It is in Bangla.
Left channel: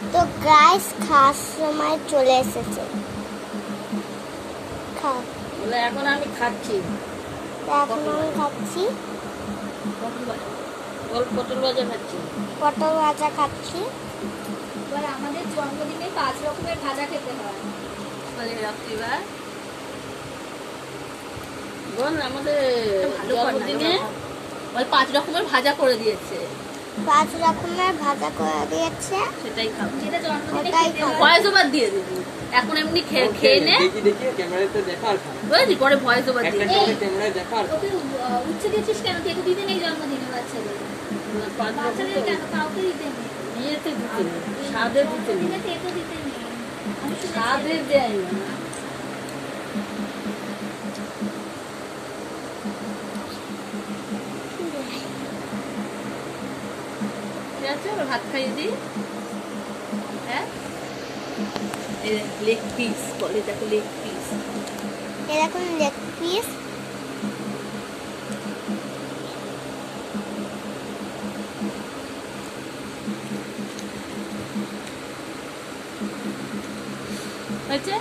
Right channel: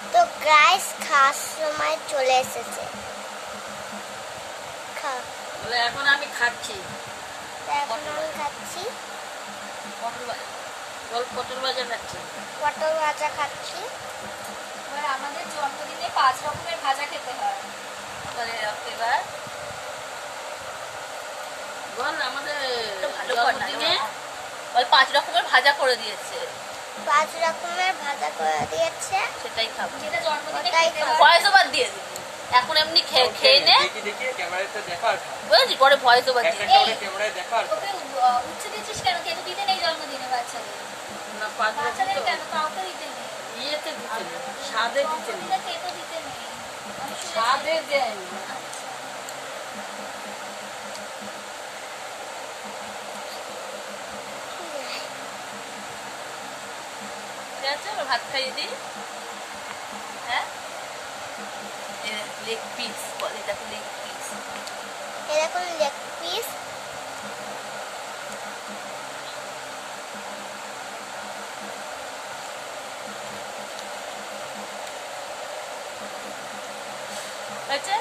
তো গাইস খাওয়ার সময় চলে এসেছে। এখন আমি খাচ্ছি। এখন আমি খাচ্ছি পটল ভাজা খাচ্ছি। পটল ভাজা খাচ্ছি। এবার আমাদের জন্মদিনে 5 রকমের ভাজা খেতে হয়। এবার বল আমাদের জন্মদিনে 5 রকমের ভাজা করে দিয়েছে। 5 রকমের ভাজা করে দিয়েছে, সেটাই খাবো। যেটা জন্মদিনে ওটাই খেতে খাবো। হয়। ভয়েস ওভার দিয়ে দিবি। এখন এমনি খেয়ে নে, দেখি ক্যামেরাটা দেখো আর খাও। বুঝলি? পরে ভয়েস ওভার দিয়ে একটা দিবি। ক্যামেরায় দেখো আর ওকে উচ্ছে দিচ্ছিস কেন? খেতে দিতে নেই জন্মদিনে বাচ্চাদের। না, 5 রকম বাচ্চাদের তো কেন? কাউকে দিতে নেই। ইয়েতে দিতে নেই, স্বাদে দিতে নেই, জন্মদিনে খেতে দিতে নেই। আমি শুনেছি। স্বাদে দেয় না। ঠিক আছে, এবার ভাত খাইয়ে দিই। হ্যাঁ, লেগ পিস বলে, দেখো লেগ পিস। এরকম লেগ পিস। হয়েছে?